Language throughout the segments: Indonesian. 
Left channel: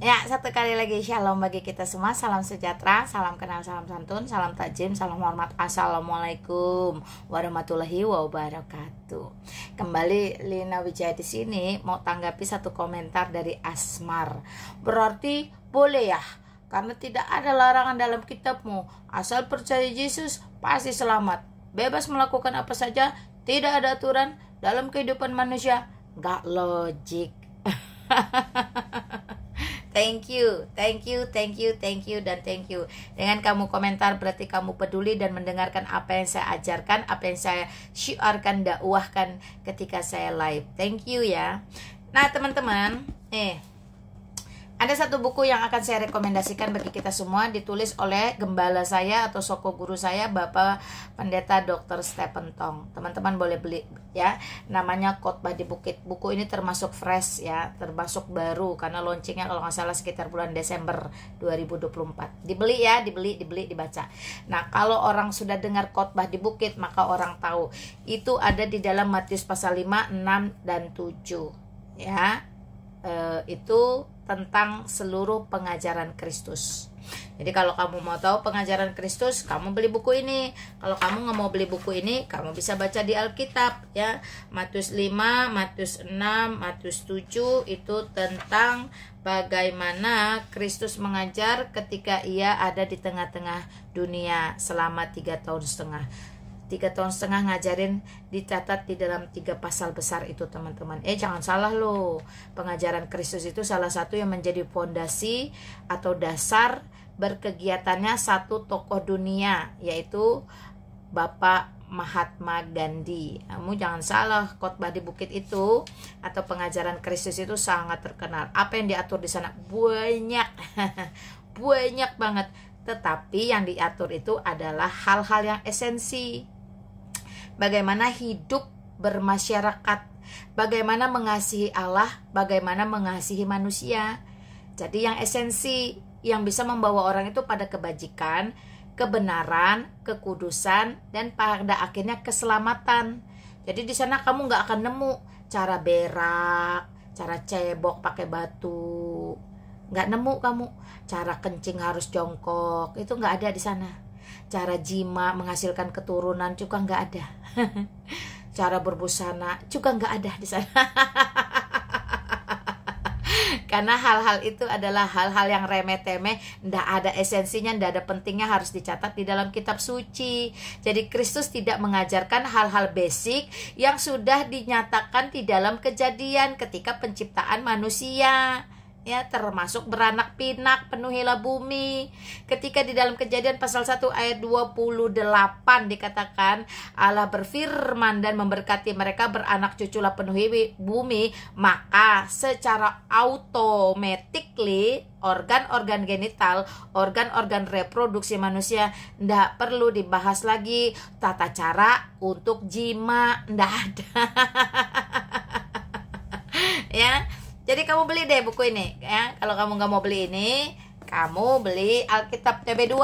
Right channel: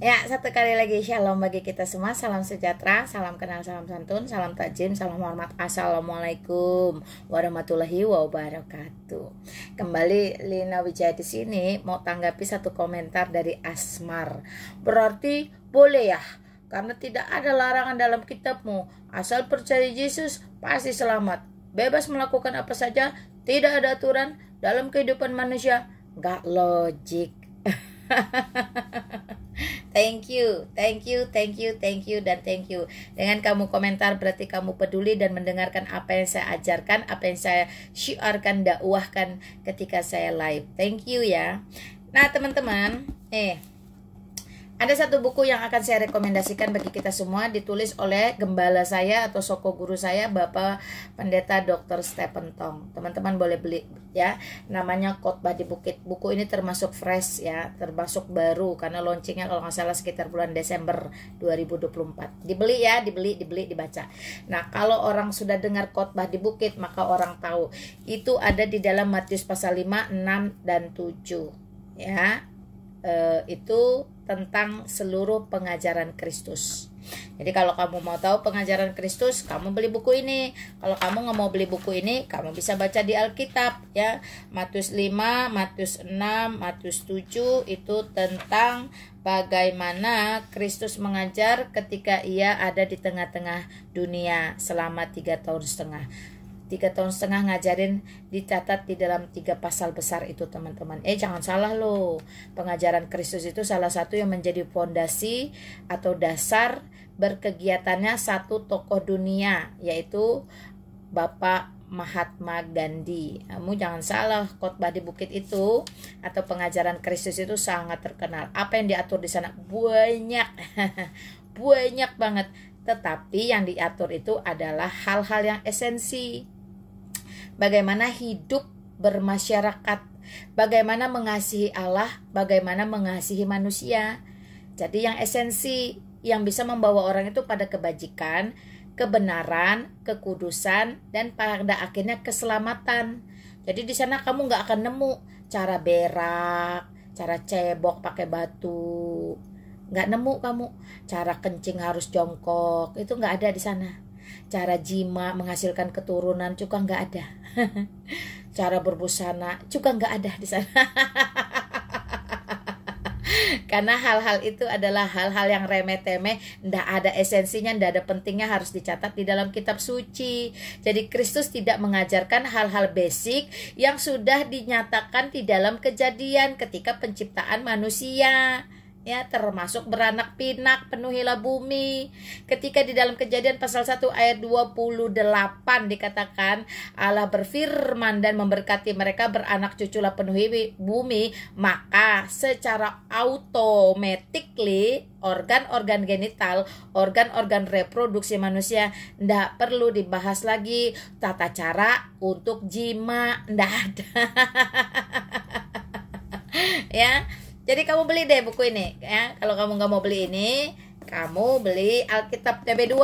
Ya, satu kali lagi shalom bagi kita semua. Salam sejahtera, salam kenal, salam santun, salam takjim, salam hormat. Assalamualaikum warahmatullahi wabarakatuh. Kembali Lina Wijaya di sini mau tanggapi satu komentar dari Asmar. Berarti boleh ya? Karena tidak ada larangan dalam kitabmu. Asal percaya Yesus pasti selamat. Bebas melakukan apa saja, tidak ada aturan dalam kehidupan manusia. Gak logik. Thank you, dan thank you. Dengan kamu komentar berarti kamu peduli dan mendengarkan apa yang saya ajarkan, apa yang saya syiarkan, dakwahkan ketika saya live. Thank you ya. Nah teman-teman, ada satu buku yang akan saya rekomendasikan bagi kita semua, ditulis oleh gembala saya atau soko guru saya, Bapak Pendeta Dr. Stephen Tong. Teman-teman boleh beli ya. Namanya Khotbah di Bukit. Buku ini termasuk fresh ya, termasuk baru karena launchingnya kalau nggak salah sekitar bulan Desember 2024. Dibeli ya, dibeli, dibaca. Nah, kalau orang sudah dengar Khotbah di Bukit, maka orang tahu itu ada di dalam Matius pasal 5, 6 dan 7 ya. Itu tentang seluruh pengajaran Kristus. Jadi kalau kamu mau tahu pengajaran Kristus, kamu beli buku ini. Kalau kamu nggak mau beli buku ini, kamu bisa baca di Alkitab ya. Matius 5, Matius 6, Matius 7 itu tentang bagaimana Kristus mengajar ketika ia ada di tengah-tengah dunia selama 3,5 tahun. 3,5 tahun ngajarin, dicatat di dalam 3 pasal besar itu teman-teman. Jangan salah loh, pengajaran Kristus itu salah satu yang menjadi fondasi atau dasar berkegiatannya satu tokoh dunia, yaitu Bapak Mahatma Gandhi. Kamu jangan salah, Khotbah di Bukit itu atau pengajaran Kristus itu sangat terkenal. Apa yang diatur di sana banyak, banyak banget. Tetapi yang diatur itu adalah hal-hal yang esensi. Bagaimana hidup bermasyarakat, bagaimana mengasihi Allah, bagaimana mengasihi manusia. Jadi yang esensi yang bisa membawa orang itu pada kebajikan, kebenaran, kekudusan, dan pada akhirnya keselamatan. Jadi di sana kamu nggak akan nemu cara berak, cara cebok pakai batu, nggak nemu kamu. Cara kencing harus jongkok, itu nggak ada di sana. Cara jima menghasilkan keturunan juga nggak ada. Cara berbusana juga nggak ada di sana. Karena hal-hal itu adalah hal-hal yang remeh-temeh, ndak ada esensinya, ndak ada pentingnya, harus dicatat di dalam kitab suci. Jadi Kristus tidak mengajarkan hal-hal basic yang sudah dinyatakan di dalam Kejadian ketika penciptaan manusia. Ya, termasuk beranak pinak, penuhilah bumi. Ketika di dalam Kejadian pasal 1 ayat 28 dikatakan Allah berfirman dan memberkati mereka, beranak cuculah penuhi bumi, maka secara automatically organ-organ genital, organ-organ reproduksi manusia ndak perlu dibahas lagi. Tata cara untuk jima ndak ada. Ya. Jadi kamu beli deh buku ini ya. Kalau kamu nggak mau beli ini, kamu beli Alkitab TB2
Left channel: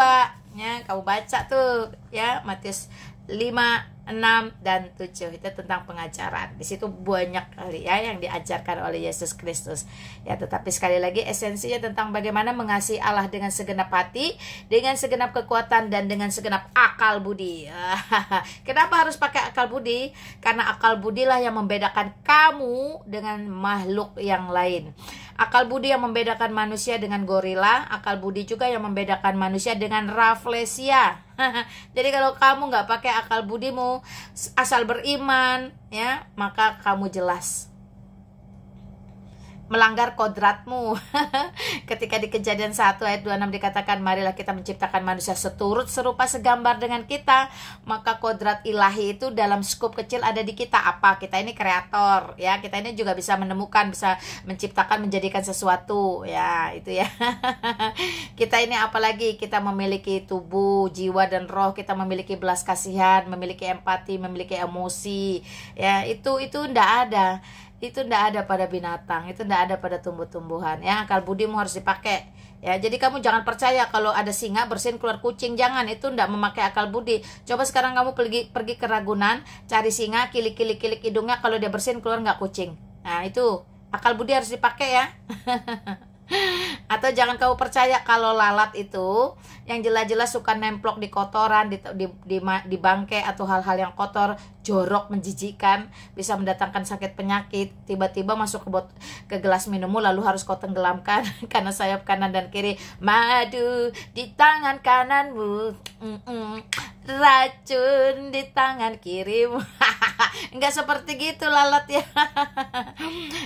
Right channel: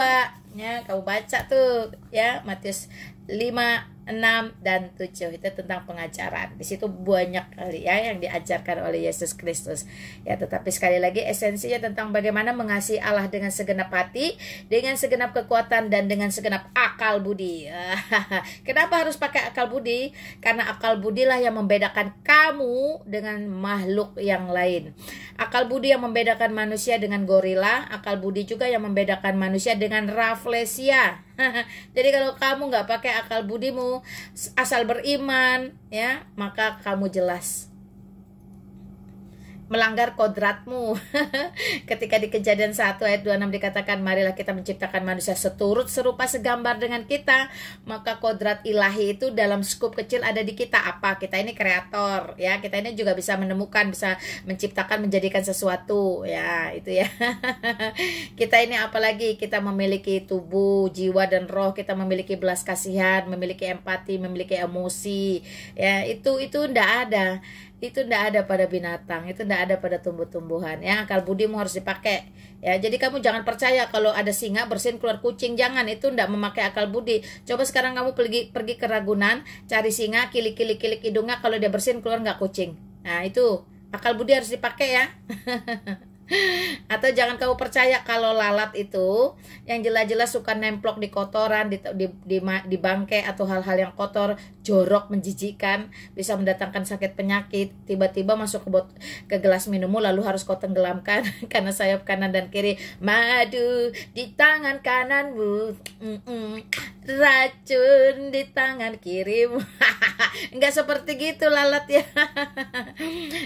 ya. Kamu baca tuh ya, Matius 5, 6 dan 7 itu tentang pengajaran. Di situ banyak kali ya yang diajarkan oleh Yesus Kristus. Ya, tetapi sekali lagi esensinya tentang bagaimana mengasihi Allah dengan segenap hati, dengan segenap kekuatan, dan dengan segenap akal budi. Kenapa harus pakai akal budi? Karena akal budilah yang membedakan kamu dengan makhluk yang lain. Akal budi yang membedakan manusia dengan gorila, akal budi juga yang membedakan manusia dengan raflesia. Jadi kalau kamu nggak pakai akal budimu, asal beriman ya, maka kamu jelas melanggar kodratmu. Ketika di Kejadian 1 ayat 26 dikatakan marilah kita menciptakan manusia seturut serupa segambar dengan kita, maka kodrat ilahi itu dalam skup kecil ada di kita. Apa? Kita ini kreator ya, kita ini juga bisa menemukan, bisa menciptakan, menjadikan sesuatu ya, itu ya. Kita ini apalagi, kita memiliki tubuh, jiwa dan roh, kita memiliki belas kasihan, memiliki empati, memiliki emosi ya, itu ndak ada. Itu tidak ada pada binatang, itu tidak ada pada tumbuh-tumbuhan ya. Akal budimu harus dipakai ya. Jadi kamu jangan percaya kalau ada singa bersin keluar kucing, jangan, itu tidak memakai akal budi. Coba sekarang kamu pergi ke Ragunan, cari singa, kilik hidungnya, kalau dia bersin keluar nggak kucing. Nah itu Akal budi harus dipakai ya. Atau jangan kamu percaya kalau lalat itu yang jelas-jelas suka nemplok di kotoran, di bangkai atau hal-hal yang kotor, jorok, menjijikkan, bisa mendatangkan sakit penyakit. Tiba-tiba masuk ke gelas minummu lalu harus kau tenggelamkan karena sayap kanan dan kiri. Madu di tangan kananmu, racun di tangan kirimu. Enggak seperti gitu lalat ya.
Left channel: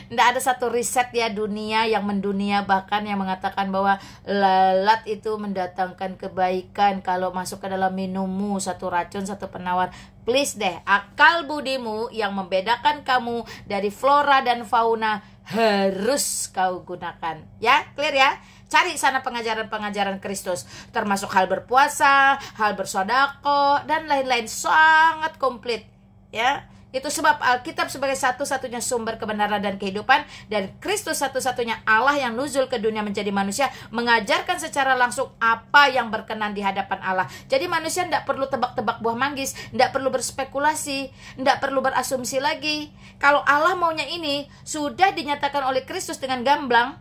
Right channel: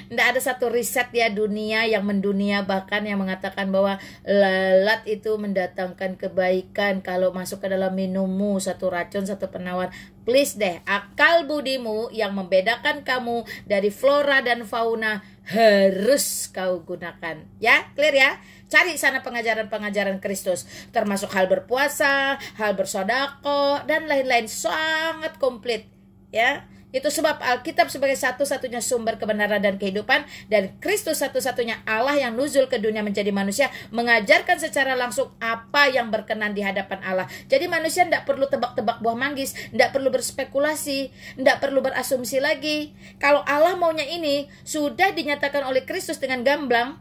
Enggak ada satu riset ya dunia yang mendunia bahkan yang mengatakan bahwa lalat itu mendatangkan kebaikan kalau masuk ke dalam minummu, satu racun, satu penawar. Please deh, akal budimu yang membedakan kamu dari flora dan fauna harus kau gunakan. Ya, clear ya? Cari sana pengajaran-pengajaran Kristus, termasuk hal berpuasa, hal bersodako, dan lain-lain, sangat komplit. Ya, itu sebab Alkitab sebagai satu-satunya sumber kebenaran dan kehidupan, dan Kristus satu-satunya Allah yang nuzul ke dunia menjadi manusia, mengajarkan secara langsung apa yang berkenan di hadapan Allah. Jadi manusia tidak perlu tebak-tebak buah manggis, tidak perlu berspekulasi, tidak perlu berasumsi lagi. Kalau Allah maunya ini, sudah dinyatakan oleh Kristus dengan gamblang,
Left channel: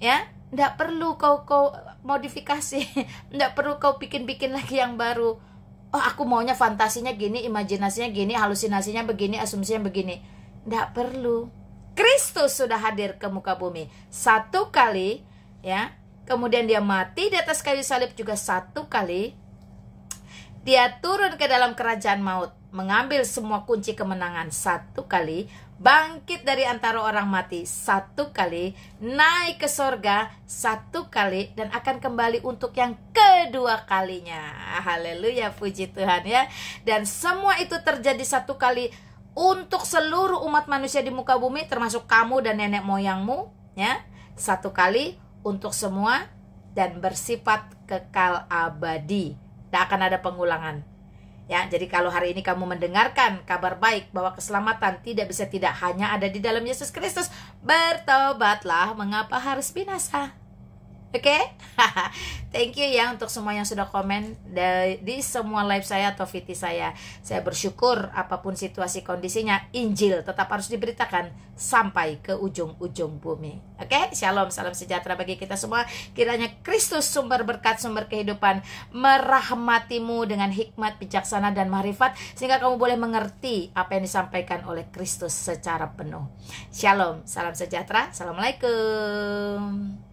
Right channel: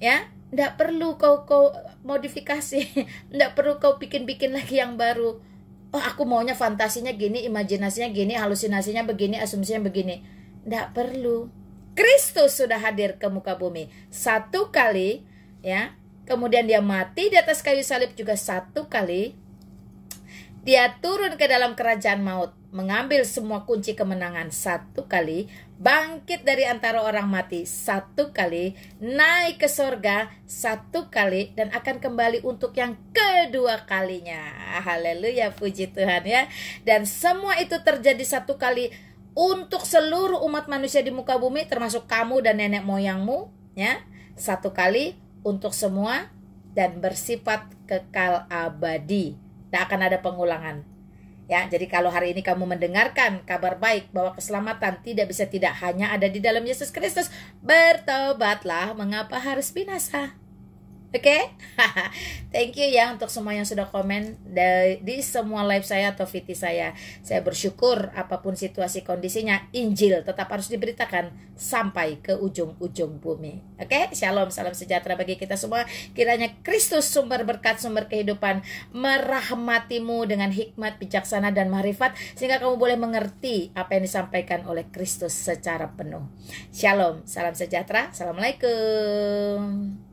ya. Tidak perlu kau modifikasi, tidak perlu kau bikin-bikin lagi yang baru. Oh, aku maunya fantasinya gini, imajinasinya gini, halusinasinya begini, asumsinya begini. Tidak perlu. Kristus sudah hadir ke muka bumi satu kali, ya. Kemudian dia mati di atas kayu salib juga satu kali. Dia turun ke dalam kerajaan maut, mengambil semua kunci kemenangan satu kali, bangkit dari antara orang mati satu kali, naik ke sorga satu kali, dan akan kembali untuk yang kedua kalinya. Haleluya, puji Tuhan ya. Dan semua itu terjadi satu kali untuk seluruh umat manusia di muka bumi, termasuk kamu dan nenek moyangmu, ya. Satu kali untuk semua dan bersifat kekal abadi. Tidak akan ada pengulangan. Ya, jadi kalau hari ini kamu mendengarkan kabar baik bahwa keselamatan tidak bisa tidak hanya ada di dalam Yesus Kristus, bertobatlah, mengapa harus binasa? Oke? Thank you ya untuk semua yang sudah komen di semua live saya atau VT saya. Saya bersyukur apapun situasi kondisinya, Injil tetap harus diberitakan sampai ke ujung-ujung bumi. Oke? Shalom, salam sejahtera bagi kita semua. Kiranya Kristus sumber berkat, sumber kehidupan, merahmatimu dengan hikmat, bijaksana, dan marifat, sehingga kamu boleh mengerti apa yang disampaikan oleh Kristus secara penuh. Shalom, salam sejahtera. Assalamualaikum.